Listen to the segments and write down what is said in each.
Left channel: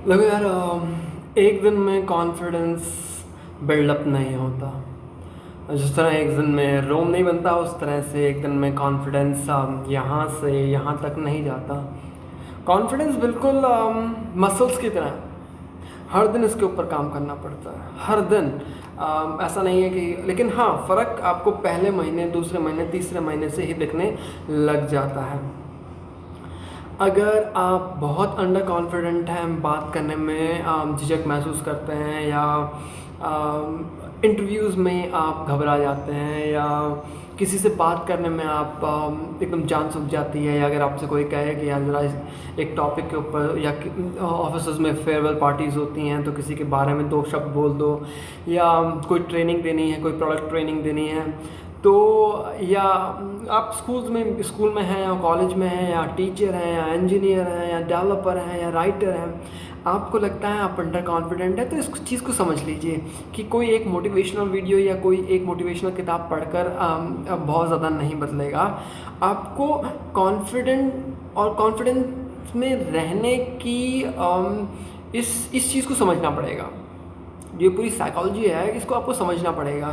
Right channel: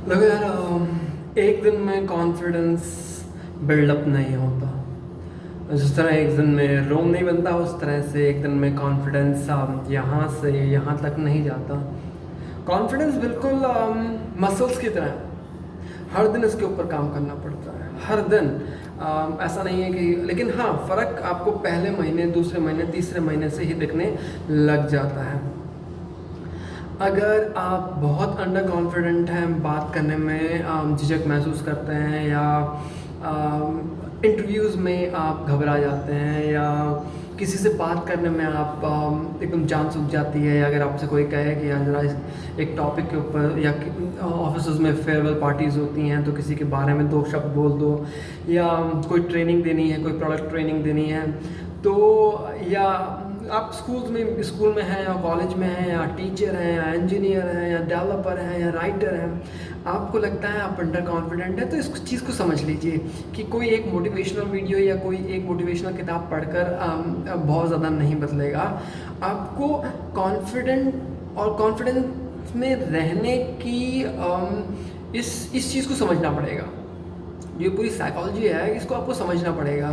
देखो यार, एक दिन में कॉन्फिडेंस बिल्डअप नहीं होता। जिस तरह एक दिन में रोम नहीं बनता, उस तरह से एक दिन में कॉन्फिडेंस यहाँ से यहाँ तक नहीं जाता। कॉन्फिडेंस बिल्कुल मसल्स की तरह है। हर दिन इसके ऊपर काम करना पड़ता है, हर दिन। ऐसा नहीं है कि, लेकिन हाँ, फ़र्क आपको पहले महीने, दूसरे महीने, तीसरे महीने से ही दिखने लग जाता है। अगर आप बहुत अंडर कॉन्फिडेंट हैं, बात करने में झिझक महसूस करते हैं, या इंटरव्यूज़ में आप घबरा जाते हैं, या किसी से बात करने में आप एकदम जान सूख जाती है, या अगर आपसे कोई कहे कि यार ज़रा एक टॉपिक के ऊपर, या ऑफिस में फेयरवेल पार्टीज़ होती हैं तो किसी के बारे में दो शब्द बोल दो, या कोई ट्रेनिंग देनी है, कोई प्रोडक्ट ट्रेनिंग देनी है, तो या आप स्कूल में हैं, या कॉलेज में हैं, या टीचर हैं, या इंजीनियर हैं, या डेवलपर हैं, या राइटर हैं, आपको लगता है आप अंडर कॉन्फिडेंट है, तो इस चीज़ को समझ लीजिए कि कोई एक मोटिवेशनल वीडियो या कोई एक मोटिवेशनल किताब पढ़कर बहुत ज़्यादा नहीं बदलेगा। आपको कॉन्फिडेंट और कॉन्फिडेंस में रहने की इस चीज़ को समझना पड़ेगा। ये पूरी साइकोलॉजी है, इसको आपको समझना पड़ेगा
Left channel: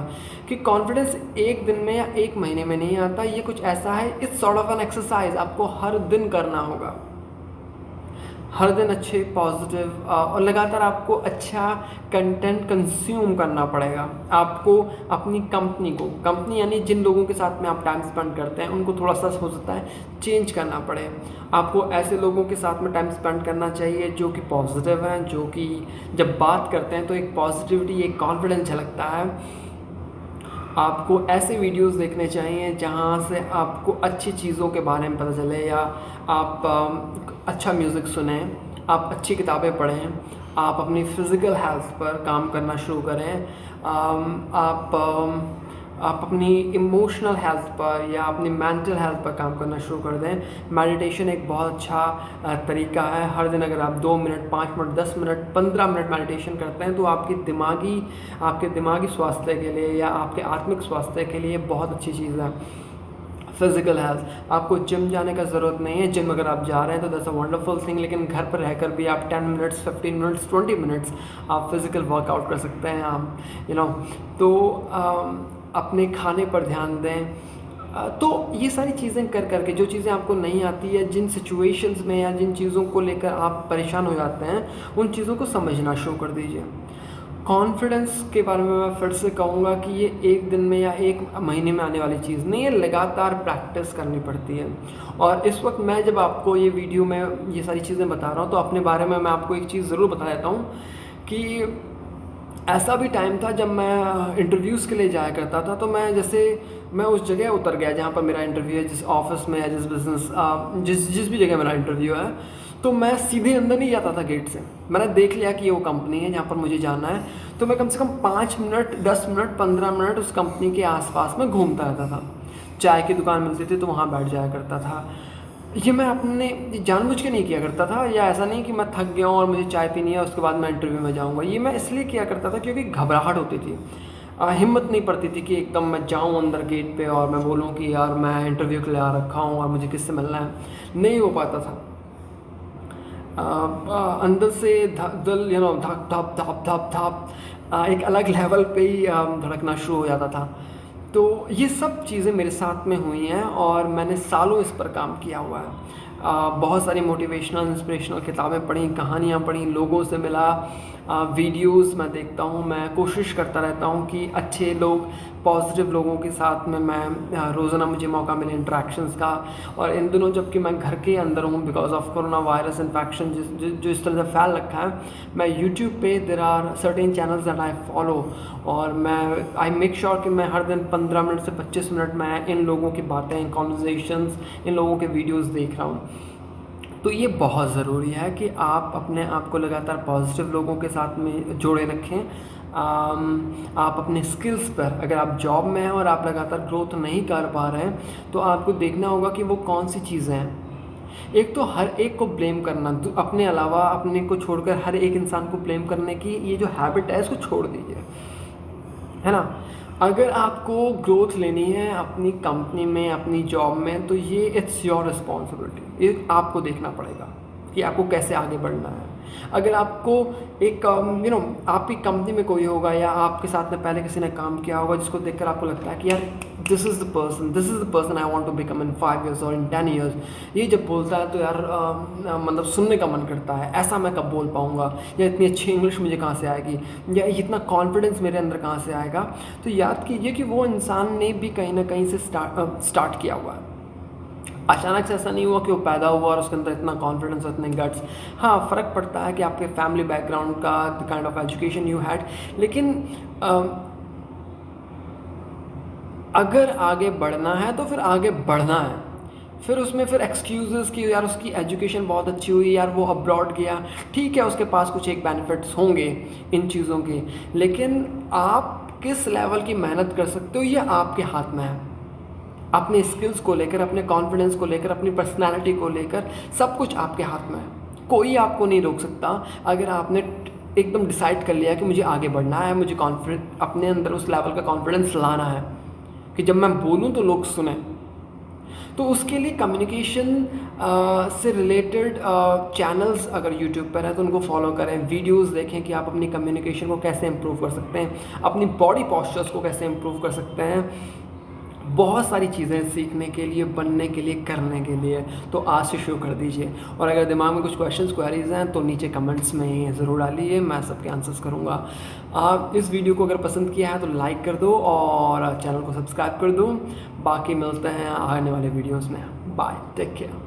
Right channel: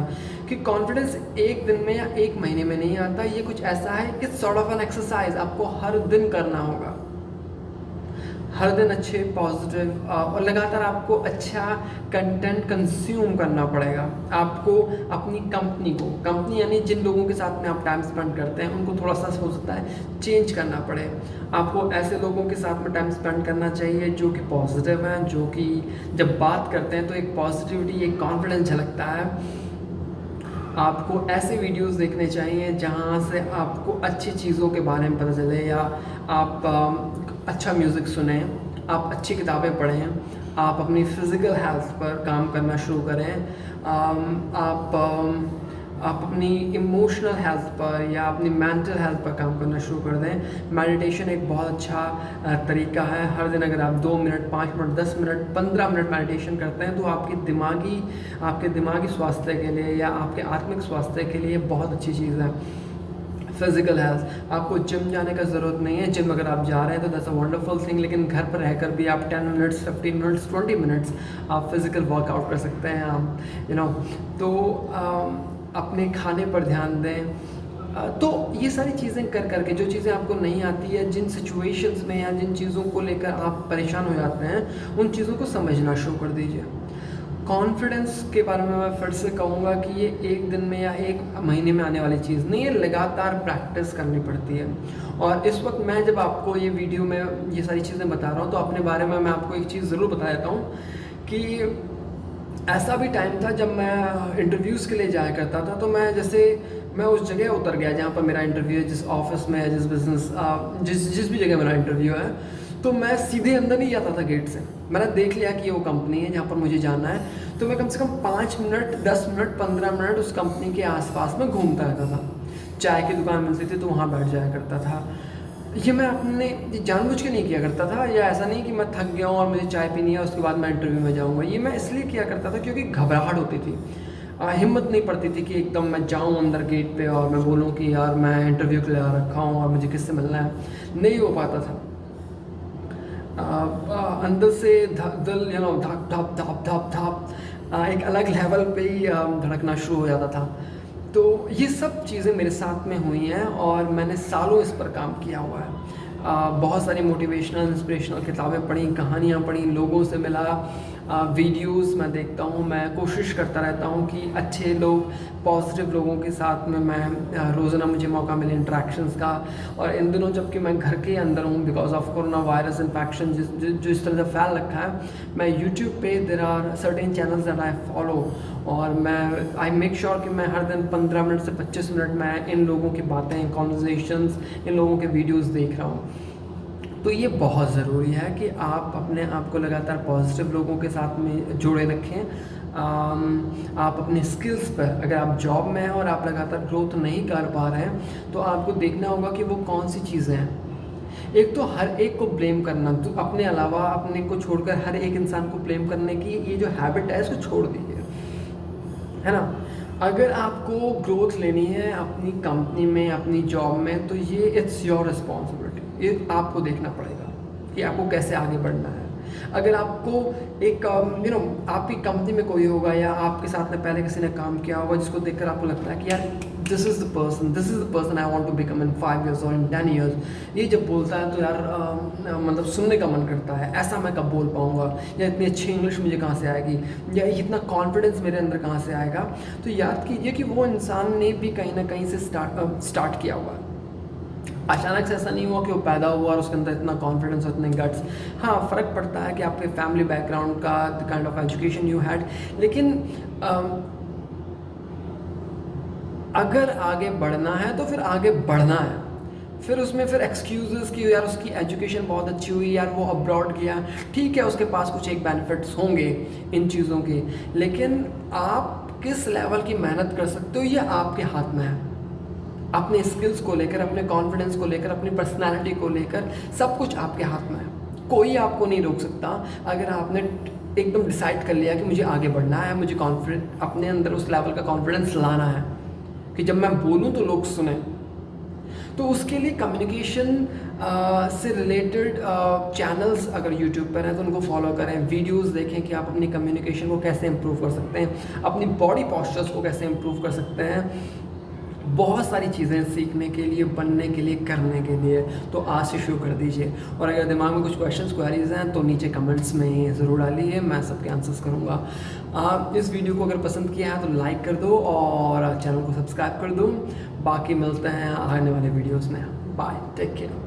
कि कॉन्फिडेंस एक दिन में या एक महीने में नहीं आता। ये कुछ ऐसा है, it's sort of an exercise, आपको हर दिन करना होगा। हर दिन अच्छे पॉजिटिव और लगातार आपको अच्छा कंटेंट कंज्यूम करना पड़ेगा। आपको अपनी कंपनी यानी जिन लोगों के साथ में आप टाइम स्पेंड करते हैं, उनको थोड़ा सा हो सकता है चेंज करना पड़े। आपको ऐसे लोगों के साथ में टाइम स्पेंड करना चाहिए जो कि पॉजिटिव हैं, जो कि जब बात करते हैं तो एक पॉजिटिविटी, एक कॉन्फिडेंस झलकता है। आपको ऐसे वीडियोस देखने चाहिए जहाँ से आपको अच्छी चीज़ों के बारे में पता चले, या आप अच्छा म्यूज़िक सुने, आप अच्छी किताबें पढ़ें, आप अपनी फ़िज़िकल हेल्थ पर काम करना शुरू करें, आप अपनी इमोशनल हेल्थ पर या अपनी मेंटल हेल्थ पर काम करना शुरू कर दें। मेडिटेशन एक बहुत अच्छा तरीका है। हर दिन अगर आप 2 minute, 5 minute, 10 minute, 15 minute meditation करते हैं तो आपके दिमागी स्वास्थ्य के लिए या आपके आत्मिक स्वास्थ्य के लिए बहुत अच्छी चीज़ है। फिज़िकल हेल्थ, आपको जिम जाने का ज़रूरत नहीं है। जिम अगर आप जा रहे हैं तो दैट्स अ वंडरफुल थिंग, लेकिन घर पर रहकर भी आप 10 मिनट्स, 15 मिनट्स, 20 मिनट्स आप फिज़िकल वर्कआउट कर सकते हैं। आप तो अपने खाने पर ध्यान दें। तो ये सारी चीज़ें कर करके, जो चीज़ें आपको नहीं आती है, जिन सिचुएशंस में या जिन चीज़ों को लेकर आप परेशान हो जाते हैं, उन चीज़ों को समझना शुरू कर दीजिए। कॉन्फिडेंस के बारे में मैं फिर से कहूँगा कि ये एक दिन में या एक महीने में आने वाली चीज़ नहीं है, लगातार प्रैक्टिस करनी पड़ती है। और इस वक्त मैं जब आपको ये वीडियो में ये सारी चीज़ें बता रहा हूँ, तो अपने बारे में मैं आपको एक चीज़ ज़रूर बता देता हूँ कि ऐसा भी टाइम था जब मैं इंटरव्यूज़ के लिए जाया करता था, तो मैं उस जगह उतर गया जहाँ पर मेरा इंटरव्यू है, जिस ऑफिस में या जिस बिज़नेस जिस भी जगह मेरा इंटरव्यू है, तो मैं सीधे अंदर नहीं जाता था गेट से। मैंने देख लिया कि ये वो कंपनी है जहाँ पर मुझे जाना है, तो मैं कम से कम 5 मिनट, 10 मिनट, 15 मिनट उस कंपनी के आसपास में घूमता रहता था। चाय की दुकान मिलती थी तो वहाँ बैठ जाया करता था। ये मैं अपने जानबूझ के नहीं किया करता था, या ऐसा नहीं कि मैं थक गया हूँ और मुझे चाय पीनी है उसके बाद मैं इंटरव्यू में जाऊँगा। ये मैं इसलिए किया करता था क्योंकि घबराहट होती थी, हिम्मत नहीं पड़ती थी कि एकदम मैं जाऊँ अंदर गेट पे और मैं बोलूँ कि यार मैं इंटरव्यू के लिए आ रखा हूँ और मुझे किससे मिलना है। नहीं हो पाता था। अंदर से दिल धक धप धप धप धप एक अलग लेवल पे ही धड़कना शुरू हो जाता था। तो ये सब चीज़ें मेरे साथ में हुई हैं और मैंने सालों इस पर काम किया हुआ है। बहुत सारी मोटिवेशनल, इंस्पिरेशनल किताबें पढ़ी, कहानियाँ पढ़ी, लोगों से मिला, वीडियोस मैं देखता हूँ। मैं कोशिश करता रहता हूँ कि अच्छे लोग, पॉजिटिव लोगों के साथ में मैं रोज़ाना मुझे मौका मिले इंटरेक्शंस का। और इन दिनों जबकि मैं घर के अंदर हूँ, because of corona virus infection जो इस तरह से फैल रखा है, मैं यूट्यूब पे there are certain channels that I follow, और मैं आई मेक श्योर कि मैं हर दिन 15 मिनट से 25 मिनट मैं इन लोगों की बातें, कॉन्वर्जेशंस, इन लोगों के वीडियोस देख रहा हूँ। तो ये बहुत ज़रूरी है कि आप अपने आप को लगातार पॉजिटिव लोगों के साथ में जोड़े रखें। आप अपने स्किल्स पर, अगर आप जॉब में हैं और आप लगातार ग्रोथ नहीं कर पा रहे हैं, तो आपको देखना होगा कि वो कौन सी चीज़ें हैं। एक तो हर एक को ब्लेम करना, तो अपने अलावा अपने को छोड़कर हर एक इंसान को ब्लेम करने की ये जो हैबिट है, इसको छोड़ दीजिए, है ना। अगर आपको ग्रोथ लेनी है अपनी कंपनी में, अपनी जॉब में, तो ये इट्स योर रिस्पॉन्सिबिलिटी, ये आपको देखना पड़ेगा। कि आपको कैसे आगे बढ़ना है। अगर आपको एक आपकी कंपनी में कोई होगा या आपके साथ में पहले किसी ने काम किया होगा जिसको देखकर आपको लगता है कि यार this is the person I want to become in 5 years और इन 10 years, ये जब बोलता है तो यार मतलब सुनने का मन करता है, ऐसा मैं कब बोल पाऊँगा, या इतनी अच्छी इंग्लिश मुझे कहाँ से आएगी, या इतना कॉन्फिडेंस मेरे अंदर कहाँ से आएगा। तो याद कीजिए कि वो इंसान ने भी कहीं ना कहीं से स्टार्ट किया हुआ है। अचानक से ऐसा नहीं हुआ कि वो पैदा हुआ और उसके अंदर इतना कॉन्फिडेंस और इतने गट्स। हाँ, फ़र्क पड़ता है कि आपके फैमिली बैकग्राउंड का, the kind of education you had, लेकिन अगर आगे बढ़ना है तो फिर आगे बढ़ना है। फिर उसमें फिर एक्सक्यूज़ेस कि यार उसकी एजुकेशन बहुत अच्छी हुई, यार वो अब्रॉड गया, ठीक है उसके पास कुछ एक बेनिफिट्स होंगे इन चीज़ों के, लेकिन आप किस लेवल की मेहनत कर सकते हो ये आपके हाथ में है। अपने स्किल्स को लेकर, अपने कॉन्फिडेंस को लेकर, अपनी पर्सनैलिटी को लेकर, सब कुछ आपके हाथ में है। कोई आपको नहीं रोक सकता। अगर आपने एकदम डिसाइड कर लिया कि मुझे आगे बढ़ना है, मुझे कॉन्फिडेंस, अपने अंदर उस लेवल का कॉन्फिडेंस लाना है कि जब मैं बोलूँ तो लोग सुने, तो उसके लिए कम्युनिकेशन से रिलेटेड चैनल्स अगर यूट्यूब पर हैं तो उनको फॉलो करें, वीडियोस देखें कि आप अपनी कम्युनिकेशन को कैसे इम्प्रूव कर सकते हैं, अपनी बॉडी पोस्चर्स को कैसे इम्प्रूव कर सकते हैं। बहुत सारी चीज़ें सीखने के लिए, बनने के लिए, करने के लिए, तो आज से शुरू कर दीजिए। और अगर दिमाग में कुछ क्वेश्चंस, क्वेरीज हैं तो नीचे कमेंट्स में ज़रूर डालिए, मैं सबके आंसर्स करूँगा। आप इस वीडियो को अगर पसंद किया है तो लाइक कर दो और चैनल को सब्सक्राइब कर दो। बाकी मिलते हैं आने वाले वीडियोज़ में। Bye, take care.